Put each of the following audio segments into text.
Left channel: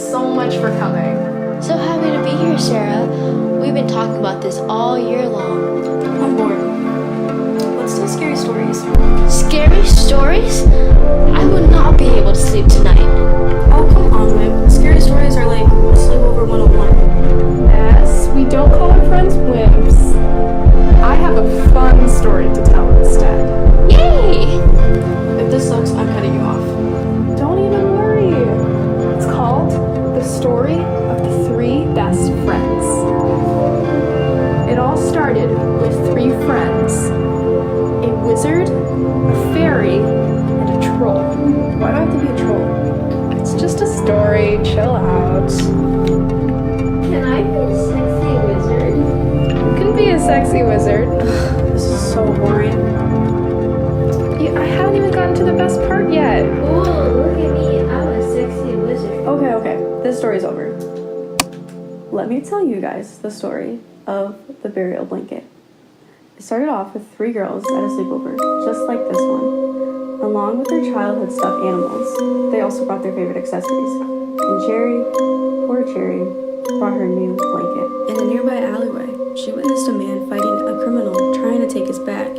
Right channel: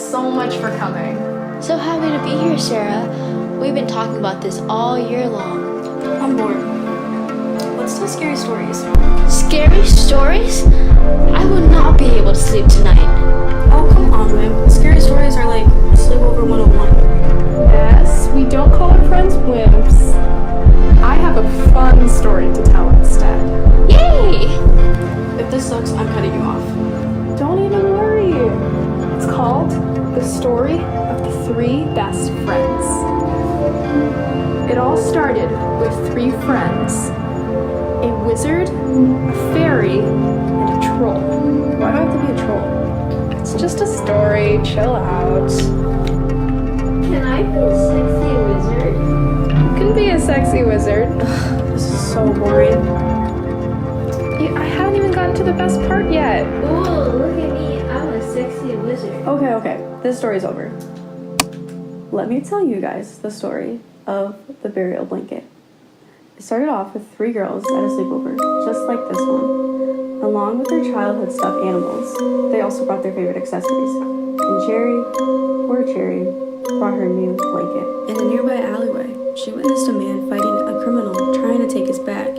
so much for coming. So happy to be here, Sarah. We've been talking about this all year long. I'm bored. Let's tell scary stories. Scary stories? I would not be able to sleep tonight. Oh, come on, Wimp. Scary stories are like Sleepover 101. Yes, we don't call our friends wimps. I have a fun story to tell instead. Yay! If this sucks, I'm cutting you off. Don't even worry. It's called The Story of the Three Best Friends. It all started with three friends. A wizard, a fairy, and a troll. Why do I have to be a troll? It's just a story, chill out. Can I be a sexy wizard? You can be a sexy wizard. This is so boring. I haven't even gotten to the best part yet. Ooh, look at me. I'm a sexy wizard. Okay. This story's over. Let me tell you guys the story of the burial blanket. It started off with three girls at a sleepover, just like this one. Along with their childhood stuffed animals, they also brought their favorite accessories. And Cherry, poor Cherry, brought her new blanket. In a nearby alleyway, she witnessed a man fighting a criminal trying to take his bag.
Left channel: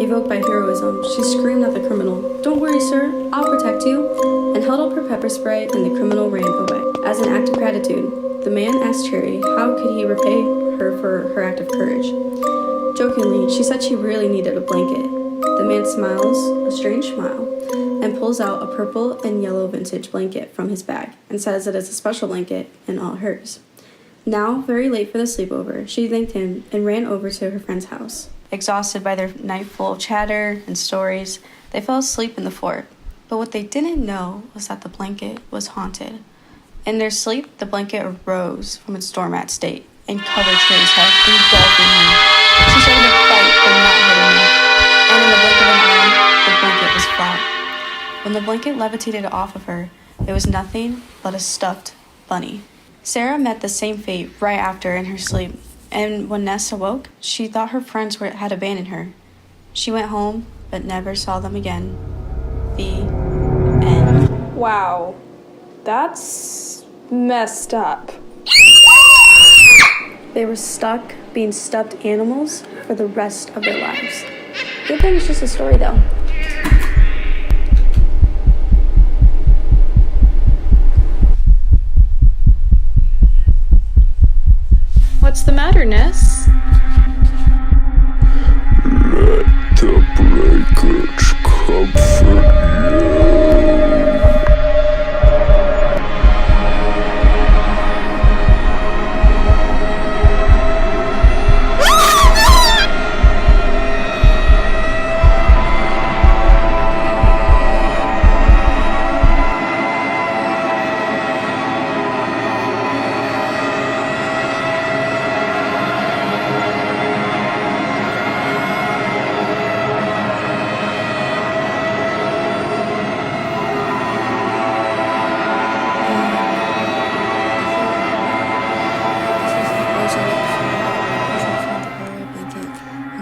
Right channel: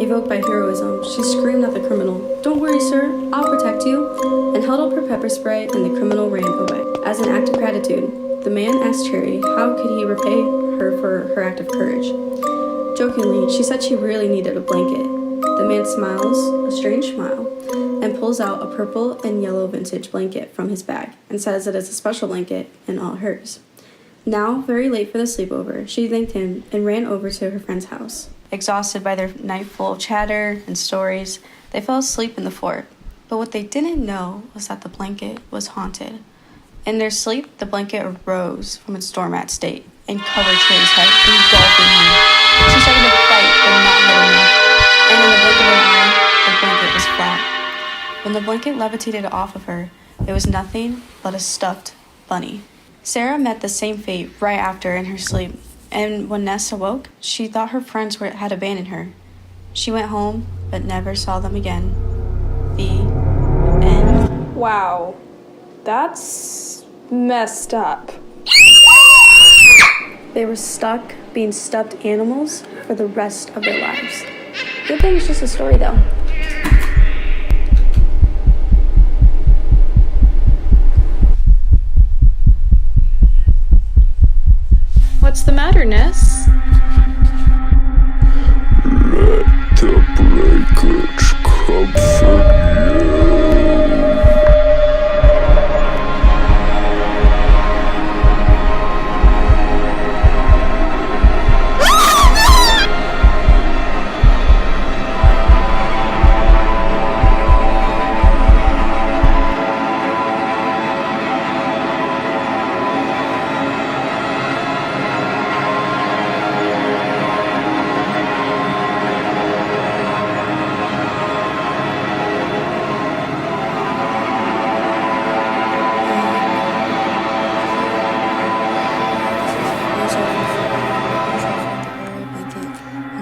Evoked by heroism, she screamed at the criminal, "Don't worry, sir, I'll protect you," and held up her pepper spray, and the criminal ran away. As an act of gratitude, the man asked Cherry how could he repay her for her act of courage. Jokingly, she said she really needed a blanket. The man smiles, a strange smile, and pulls out a purple and yellow vintage blanket from his bag and says it is a special blanket and all hers. Now, very late for the sleepover, she thanked him and ran over to her friend's house. Exhausted by their night full of chatter and stories, they fell asleep in the fort. But what they didn't know was that the blanket was haunted. In their sleep, the blanket arose from its doormat state and covered Cherry's head, engulfing her. She started to fight, but not hard enough. And in the blink of an eye, the blanket was flat. When the blanket levitated off of her, it was nothing but a stuffed bunny. Sarah met the same fate right after in her sleep. And when Ness awoke, she thought her friends had abandoned her. She went home, but never saw them again. The end. Wow, that's messed up. They were stuck being stuffed animals for the rest of their lives. Good thing it's just a story, though. What's the matter, Ness? Let the breakage comfort you.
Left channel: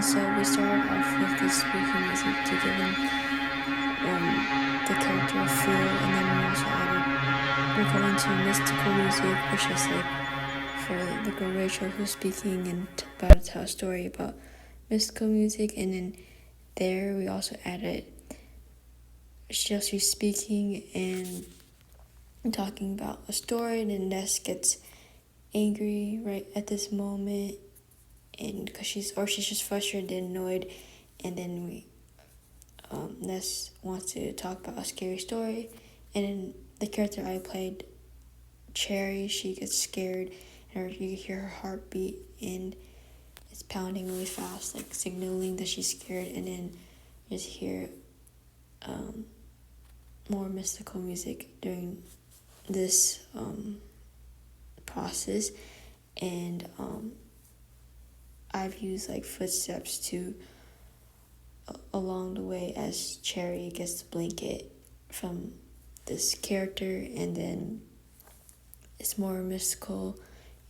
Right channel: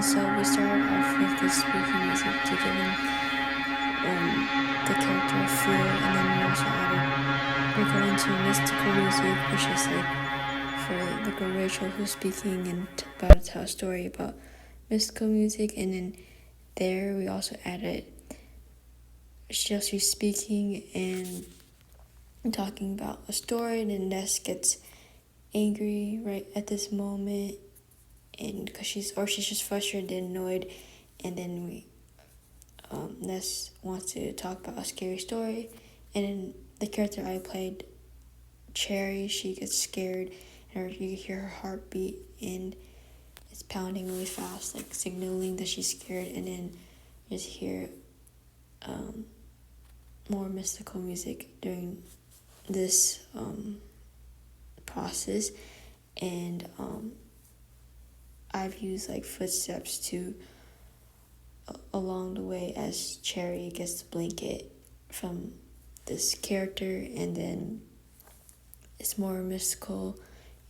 So we started off with the spooky music to give him the character a feel, and then we also we're going to mystical music, which is like for the girl Rachel who's speaking and about to tell a story about mystical music, and then there we also added Chelsea speaking and talking about a story, and then Ness gets angry right at this moment, and because she's just frustrated and annoyed, and then Ness wants to talk about a scary story, and then the character I played, Cherry, she gets scared, and you can hear her heartbeat, and it's pounding really fast, like signaling that she's scared, and then you just hear more mystical music during this process, and I've used like footsteps to along the way as Cherry gets the blanket from this character, and then it's more mystical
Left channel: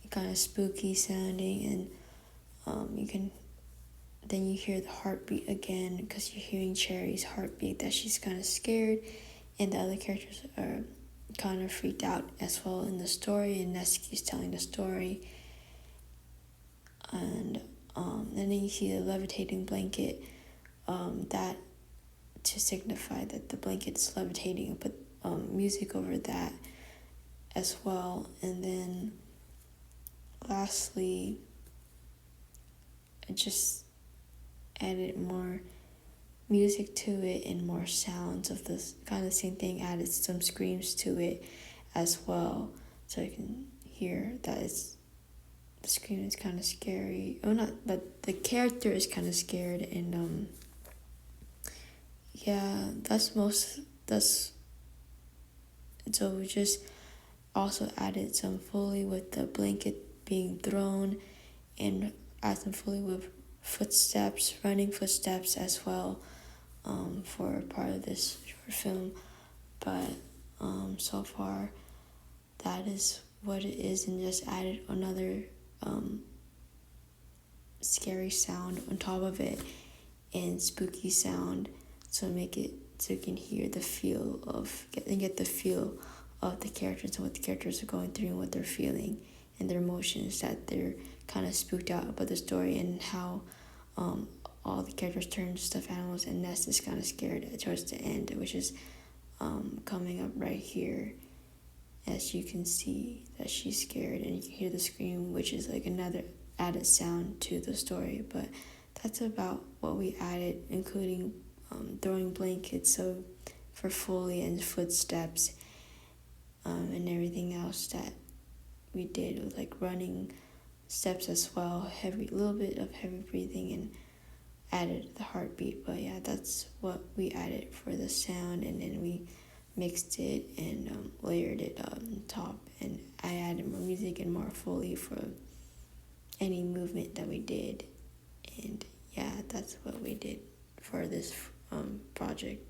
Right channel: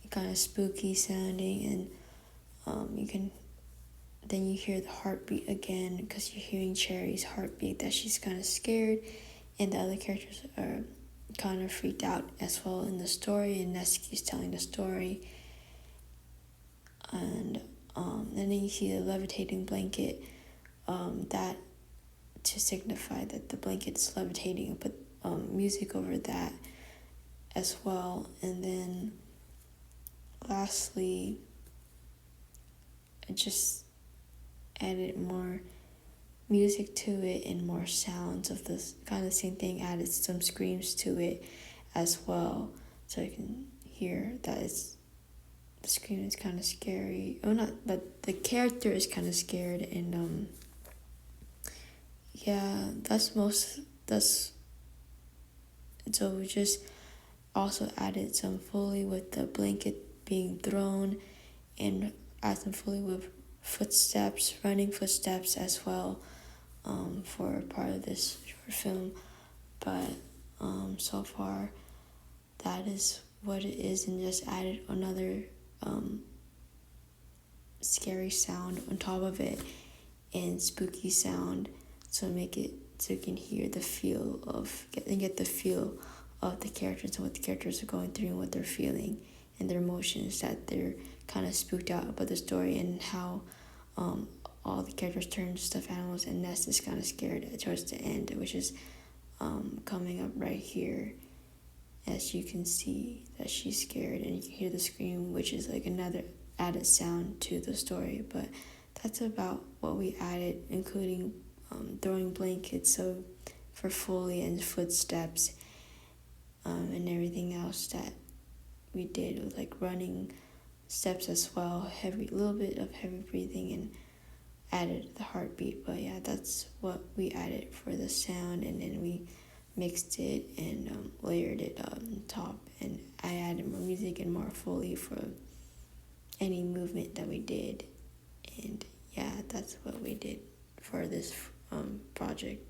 and kind of spooky sounding, and you hear the heartbeat again because you're hearing Cherry's heartbeat that she's kind of scared, and the other characters are kind of freaked out as well in the story, and Neski's telling the story. And then you see the levitating blanket, that to signify that the blanket's levitating, put music over that as well. And then lastly, I just added more music to it and more sounds of this kind of same thing, added some screams to it as well, so you can hear that the scream is kind of scary. Oh, not, but the character is kind of scared. And yeah, so we just also added some Foley with the blanket being thrown, and add some Foley with running footsteps as well, for part of this short film. But so far that is what it is, and just added another scary sound on top of it, and spooky sound, so make it so you can hear the feel of get the feel of the characters and what the characters are going through and what they're feeling and their emotions, that they're kind of spooked out about the story, and how all the characters turn stuffed animals, and Ness is kind of scared towards the end, which is coming up right here, as you can see that she's scared, and you can hear the scream, which is like another added sound to the story. But that's about what we added, including throwing blankets so for Foley and footsteps, and everything else that we did with like running steps as well, little bit of heavy breathing, and added the heartbeat. But yeah, that's what we added for the sound, and then we mixed it and layered it on top, and I added more music and more Foley for any movement that we did. And yeah, that's what we did for this project.